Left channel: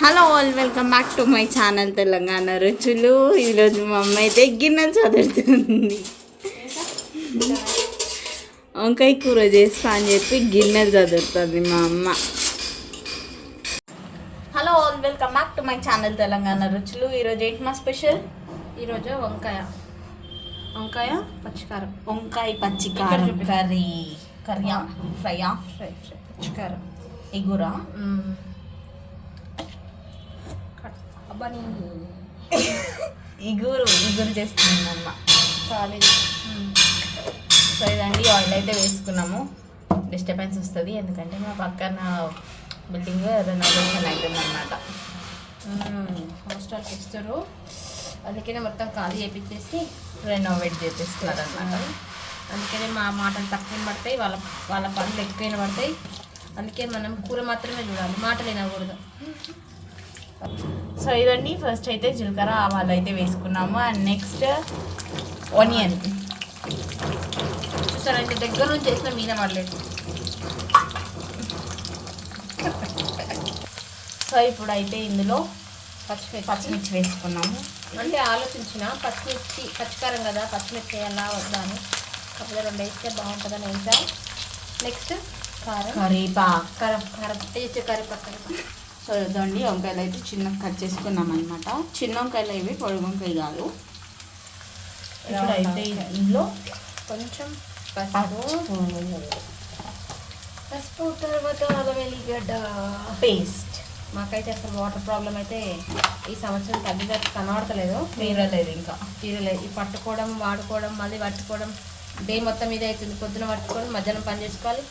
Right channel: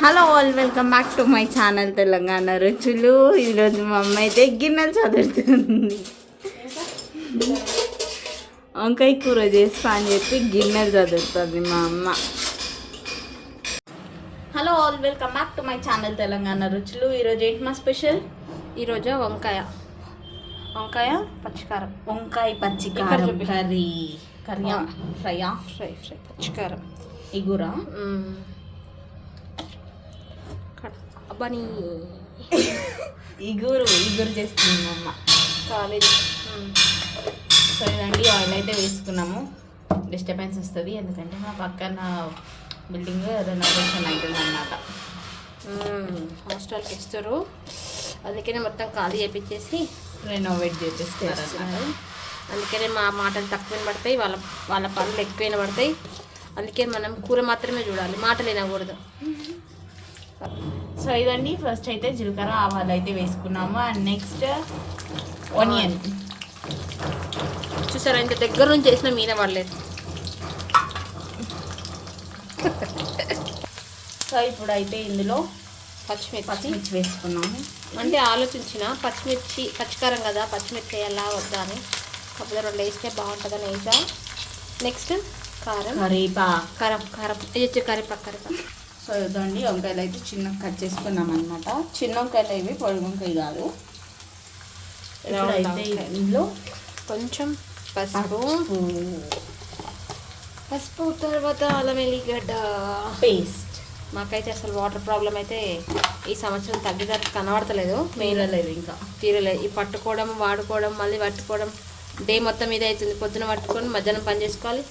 Hello all welcome back to my channel Telangana రుచులు. ఈరోజు మా అమ్మ అయితే గిన్నెలు చదువుతుంది. వంకాయ కూర చేస్తా అని చెప్పి గిన్నెలు చదువుతుంది మా అమ్మ. Hello all welcome back to my channel Telangana రుచులు. ఈరోజు ఏంటి మా స్పెషల్? ఈరోజు వంకాయ పచ్చికారం, వంకాయ పచ్చికారం కర్రీ ఫ్రైయా ఫ్రై పచ్చికారం ఇగురా బనీ ఇగురు చేస్తుంది మా అమ్మ. కాలేదు. సో ఇదండి ఆయిల్ అయితే వేసుకున్నాము. డిస్టర్బెన్స్ వస్తుంది ఎందుకంటే మా పక్కన బిల్డింగ్ రెనోవేషన్ అవుతుంది అన్నమాట. హాస్టల్కి ఇస్తారు, అందుకనే మొత్తం ఖాళీ చేపించేసి రెనోవేట్ చేపిస్తారు అన్నమాట. అందుకనే మా మాటలు తక్కువ పడతాయి, వాళ్ళ పనులు ఎక్కువ పడతాయి. అందుకే మనం కూర మాత్రమే చూడాలి, మాటలు వినకూడదు. సో ఇదండి ఫస్ట్ అయితే జీలకర్ర ఆవాలు అయితే వేసుకున్నాము. అండ్ నెక్స్ట్ ఆనియన్ చూసారా, ఇంత దగ్గర నుంచి చేసిన మీన పడలేదు. సో ఇప్పుడు అయితే ఇందులో పచ్చిమిర్చి వేసుకున్నాము. అంటే ఆలోచించిన పచ్చికారం కదా, పచ్చిమిర్చి వేయాలా వద్దా అని. అప్పుడు రెండు వేస్తే బాగుంటుందని వేసా. నెక్స్ట్ కరివేపాకు. సో ఇదండి వంకాయలు అయితే చిన్నగా కట్ చేసుకున్నాం అనమాట. చిన్న వంకాయలు ఇవి, పొడి వంకాయ కాదు. ఇప్పుడైతే ఇందులో కొంచెం పసుపు తర్వాత అల్లం వెల్లిగడ్డ పేస్ట్. మాకైతే అసలు వాటర్ ప్రాబ్లం అయితే ఈ సంవత్సరం తగ్గినట్టు కనబడతలేదు. తీరలేదు. ఈ పట్టుకోవడం, వాడుకోవడం, మళ్ళీ పట్టుకోవడం డే మొత్తం ఇది అవుతుంది. పొద్దున పట్టుకొని మధ్యాహ్నం పని చేసుకోవాలి,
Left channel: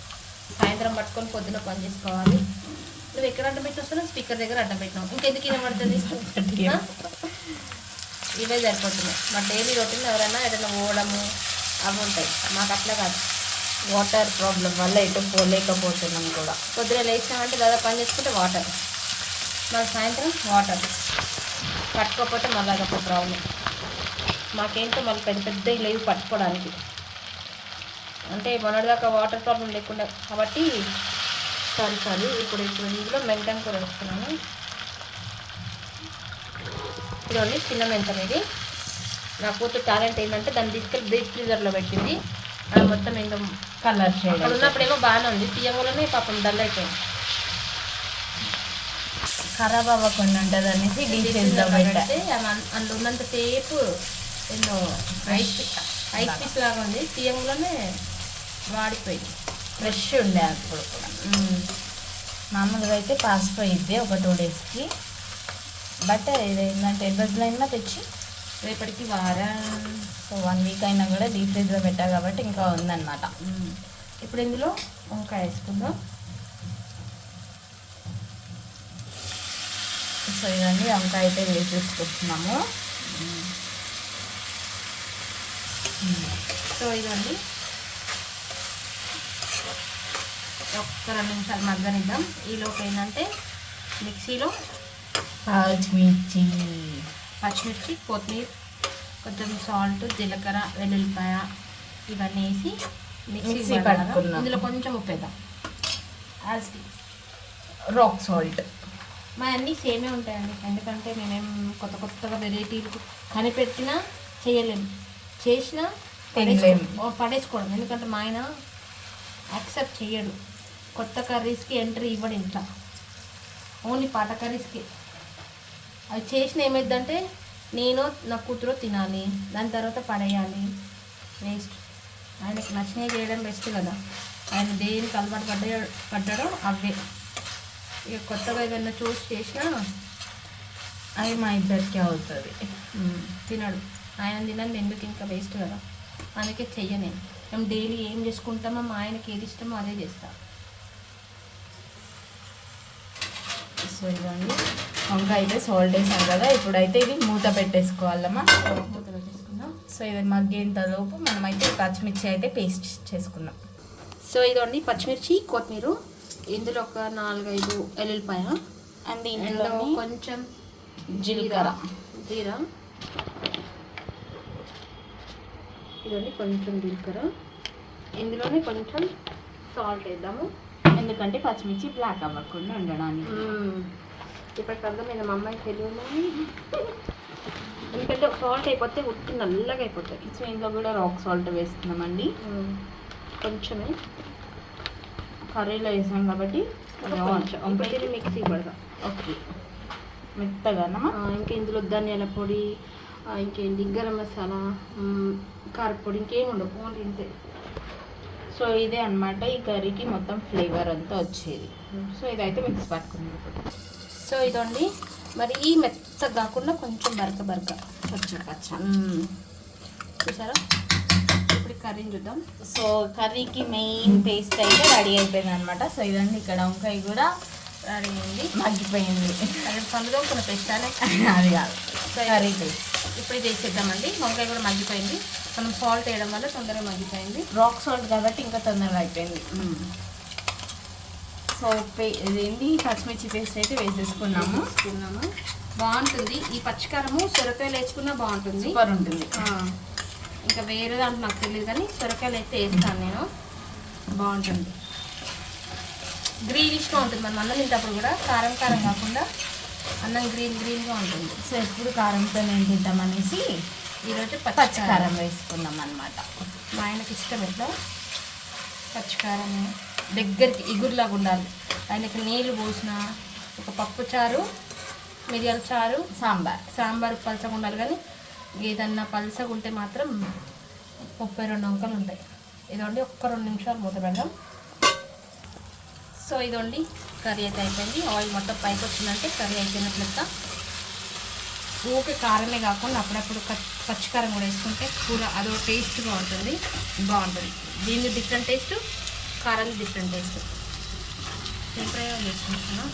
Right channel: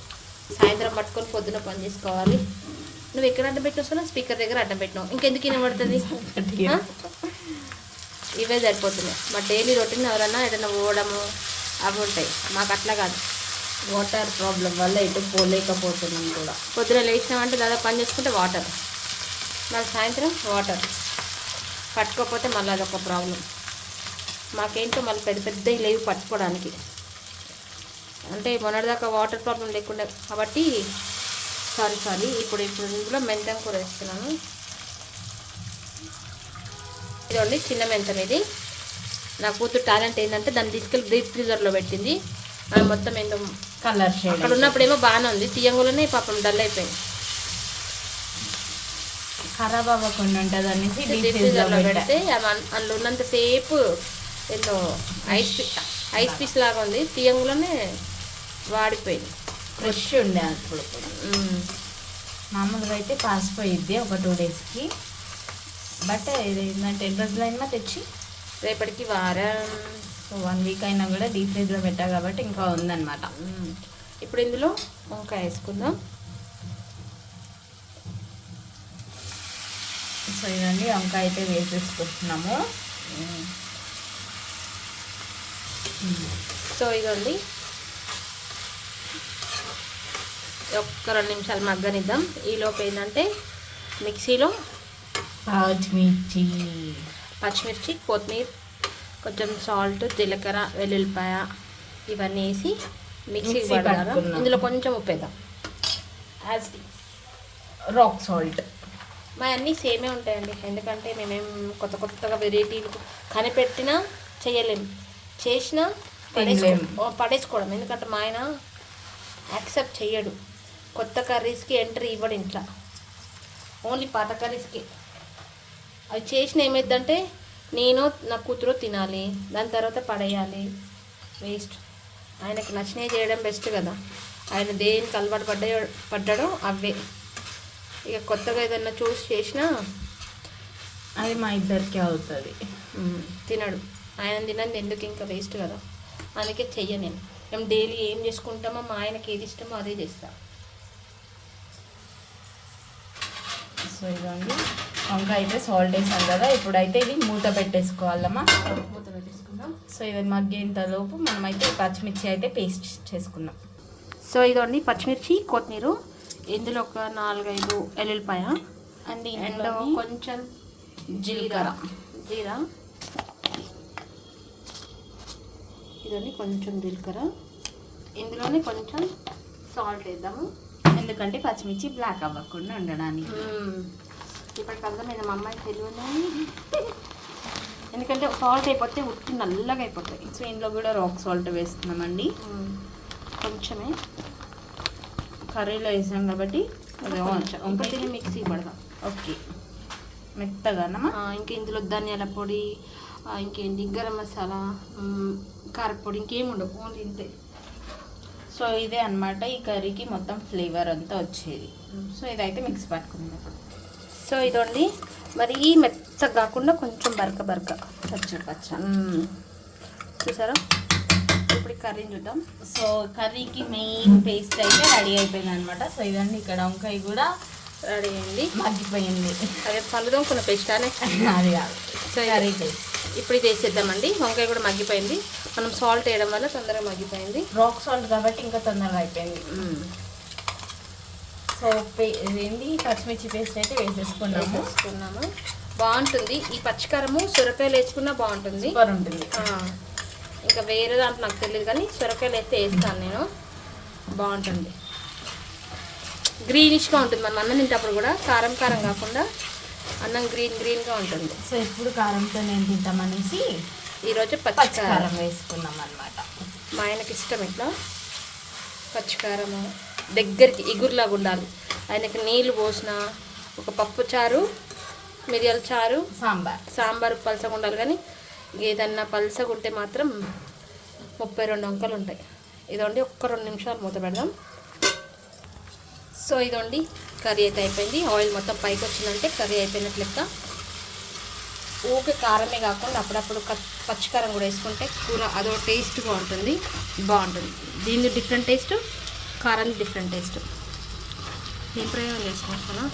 సాయంత్రం పట్టుకొని పొద్దున పని చేసుకోవాలి. నువ్వు ఎక్కడ అడ్డం పెట్టినావు? స్పీకర్ దగ్గర అడ్డం పెట్టినావు. ఇంకెందుకు వినబడుతుంది? ఇవే సరిపోతున్నాయి. మా డైలీ రొటీన్. ఎవరన్నా ఏదైనా పోవడము అవి ఉంటాయి, మాకు అట్లా కాదు. వాటర్ ప్రాబ్లం వల్ల ఎటు పోలేకపోతున్నాం కూడా. పొద్దున లేచినామంటే దాదాపు పని చేసుకుంటే వాటర్, మళ్ళీ సాయంత్రం వాటర్ పట్టుకోకపోతే మళ్ళీ అదొక ప్రాబ్లం. మాకేంటో మళ్ళీ పెద్ద లేవు పట్టుకోవడానికి. అంటే మొన్నటిదాకా వాటర్ ప్రాబ్లం లేకుండా కాబట్టి. సారీ ఇప్పుడు ఇందులో మెంతం కూర వేస్తున్నాను. ఇదండి చిన్న మెంతం. ఇది నా కూతురు టాలెంట్ ఏంటంటే దాన్ని తీసుకెళ్ళి డీప్ ఫ్రీజర్లో పెట్టింది. అది మొత్తం ఏందో కలర్ షేడ్ అక్కడ ఉన్నప్పుడేమో బాగానే ఉంది, తీయంగానే పాపం డల్ అయిపోయింది. ఖరాబ్ అవ్వకుండా ఉంటుంది అనేసి డీప్ ఫ్రీజర్లో పెడితే అందులో ఉన్నంతసేపు ఎన్నో ఐస్ పీస్ లాగా ఉంది, తీయంగానే వాడిపోయింది. ఫ్రెష్ ఉండే అప్పుడు కూడా. మామూలుగా అయితే పాసిపోయిద్ది ఒక 2 డేస్కి. బట్ ఇది ఏంటంటే 2 రోజులైనా తెచ్చి రేపటికి వారం 1 వీక్ అయినా కూడా డీప్ ఫ్రీజ్లో పెట్టా కాబట్టి ఇంకా ఉందన్నమాట. ఇప్పుడు ఇందులో వంకాయ వేసుకుందాం. సో ఇదండి వంకాయ అయితే వేసేసుకుంటున్నాము. సో ఇదండి ఒక్క 2 నిమిషాలు మగ్గనిద్దాం. ఈలోపు ఏంటంటే మిక్సీలో పచ్చిమిర్చి, కొత్తిమీర, కొంచెం సాల్ట్, జీలకర్ర, వెల్లుల్లిపాయ ఇవన్నీ వేసి మిక్సీ పట్టుకున్నాం. ఇందులో కొంచెం ఉప్పు వేద్దాం, రాక్ సాల్ట్. మా అన్నీ సేమే ఉంటాయండి, ఎందుకంటే మేమేం కొత్తగా వెరైటీలు కనిపెట్టినా చేయలేము, చేసినా పడేసుకోవడం. ఎందుకంటే మా ఆయన యాక్సెప్ట్ చెయ్యడు, కొత్త కర్రీస్కి ఎంట్రీ ఇవ్వడు ఇంట్లో, ఓన్లీ పాత కర్రీస్కి. అది చేసిన ఏమైందంటే నేను నా కూతురు తినాలి, దాని తర్వాత పడేయాలి, వేస్ట్. ఆయనకు నచ్చినవి చేయడం బెస్ట్ కదా. ఆయన దేనికి అలవాటు పడ్డాడో అవే. ఇక కొత్తగా ఏదన్నా చూసి చేసినా అది మా ఇద్దరికి అవుతుంది. తినడు, ఆయన తినని ఎందుకు ఇంకా వేస్ట్ కదా. అందుకే చెయ్య. మేము డైలీ ఏం చేసుకుంటామో మా ఆయనకి ఏది ఇష్టమో అదే చేస్తాం. సో ఇదండి వంకాయ అయితే సాల్ట్ వేసాను కదా. ఇప్పుడైతే ఇది మూత పెట్టేసుకోవాలమ్మా. మూత పెట్టేసుకుందాం. సో ఇది మగ్గేంతలోపు మనమైతే పచ్చిమిర్చి అయితే పేస్ట్ చేసుకుందాం. సో ఇదండి పచ్చిమిర్చి, కొత్తిమీర, ఇందులో ఒక 4-5 ఎల్లుల్లిపాయ, అండ్ ఇందులో కొంచెం జీలకర్ర, ఇదండి కొంచెం జీలకర్ర. ఇందులోనే కొంచెం సాల్ట్ వేద్దాము, ఎందుకంటే పచ్చిమిర్చి బ్లాక్ అవ్వకుండా ఉండడానికి. ఇప్పుడు నాకు అర్థమైన మా అమ్మాయి తెలియదు ఎందుకంటే సాల్ట్ అయిపోతే ఉట్టి నల్లగా అయిపోతుంది. సో ఇందులో కూడా రాక్ సాల్ట్ వేస్తున్నామండి. కొంచెమే కర్రీలో వేసాం కాబట్టి అది వంకాయ మిక్సీ పడదాం. ఓకే, మెత్తగానమ్మా. ఇంకా ఇందులో ధనియాల పొడి, ఇంకేంటి గరం మసాలా, కారపొడి, ఇంకేం ఉండవు, ఓన్లీ ఇంతే. సో ఇదే అన్నమాట ఈ కర్రీకి మొత్తం ఫ్లేవర్ అంతా వచ్చేది. సో ఇదైతే మిక్స్ పట్టుకుందాం ఇప్పుడు. సో ఇదండి మరి మెత్తగా కాకుండా కొంచెం బరక పచ్చ చూసారా. ఇప్పుడు కర్రీని చూద్దాం. సో కర్రీకి మెయిన్ పేస్ట్ అయితే రెడీ అయిపోయింది అనమాట. సో ఇదండి ఇక్కడ వంకాయ కూడా రెడీ అయింది, మగ్గిపోయింది. అదే పళ్ళుదో కూడా పేస్ట్ అనే అది కాదు, సో కర్రీ పేస్ట్. ఇప్పుడు ఇది వేసేద్దామండి. వంకాయ కూడా మగ్గిపోయింది, మనం సాల్ట్ వేయడం వల్ల తొందరగా మగ్గిపోయింది. రాక్ సాల్ట్ కాబట్టి ఇంకా తొందరగా అయిపోయింది. సో ఇదేంటి పచ్చిమిర్చి పేస్ట్ అయితే వేసేసుకున్నాము. బాగుంటుంది ఈ పచ్చికారము, సొరకాయలు వేసుకున్నా బాగుంటుంది, సూపర్ ఉంటుంది. ఇంకా వేరే దాంట్లో నాకు తెలియదు కానీ సొరకాయలు అయితే వేస్తాను నేను, బాగుంటుంది. గ్రీనిష్గా ఉంటుంది, మనం అన్నం తింటప్పుడు కూడా కారం కాకుండా అన్నం గ్రీన్గా ఉంటుంది. సో ఎప్పుడు కారంతో నేను తింటామనేసి ఈరోజు పచ్చికారం వేసుకున్నాం అనమాట. మా ఆయనకి ఇష్టం ఇట్లా పచ్చికారము దగ్గరికి ఇగురులాగా ఉండాలి. ఆయనకి నీళ్ళు పోసిన ఒక పప్పు చారు, మిరియాల చారు, సాంబార్ పలసగా ఉండాలి. కానీ ఏదన్నా పలసగా ఉంటే మాత్రం 32 వంకలు ఉంటాయి. ఇదండి ఒక్క 2 నిమిషాలు మూత పెడదాం. సో ఇదండి కర్రీ అయితే అయిపోయింది. ఆయిల్ మొత్తం పైకి వచ్చిందంటే కర్రీ అయిపోయినట్లు లెక్క. ఓకే, కారమే కాకుండా అప్పుడప్పుడు పచ్చికారం కూడా వేసుకుంటే కూర అదో టేస్ట్గా ఉంటుంది, బాగుంటుంది. దీన్ని డిఫరెంట్ టేస్ట్, కారం డిఫరెంట్ టేస్ట్. ఎప్పుడైనా వేసుకుంటాను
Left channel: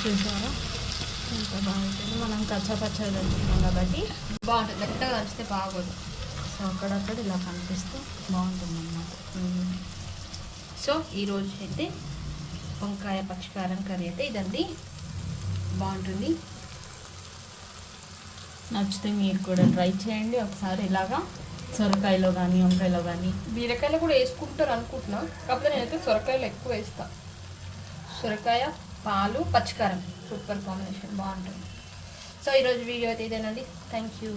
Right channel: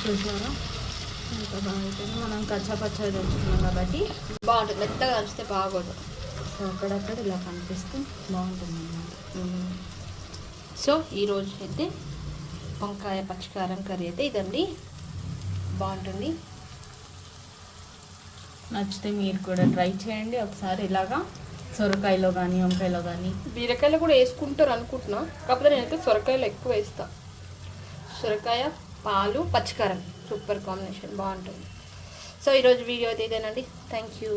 చూసారా ఇంకా బాగుంటుంది. మనం పచ్చగా తెచ్చుకున్నాం కాబట్టి బాగుంటుంది, మెత్తగా కలిస్తే బాగోదు. సో అక్కడక్కడ ఇలా కనిపిస్తూ బాగుంటుంది అన్నమాట. సో ఈరోజు అయితే వంకాయ పచ్చికారం కర్రీ అయితే ఇదండి, బాగుంటుంది. నచ్చితే మీరు కూడా ట్రై చేయండి ఒకసారి ఇలాగా. సొరకాయలో కానీ వంకాయలో కానీ బీరకాయలు కూడా వేసుకుంటారు అనుకుంటున్నా, కాకపోతే నేనైతే సొరకాయలు ఎక్కువ వేస్తాను. సొరకాయ, పాలు, పచ్చికారం సూపర్ కాంబినేషన్, బాగుంటుంది. సో ఈరోజు వీడియో అయితే ఇదేనండి. Thank you.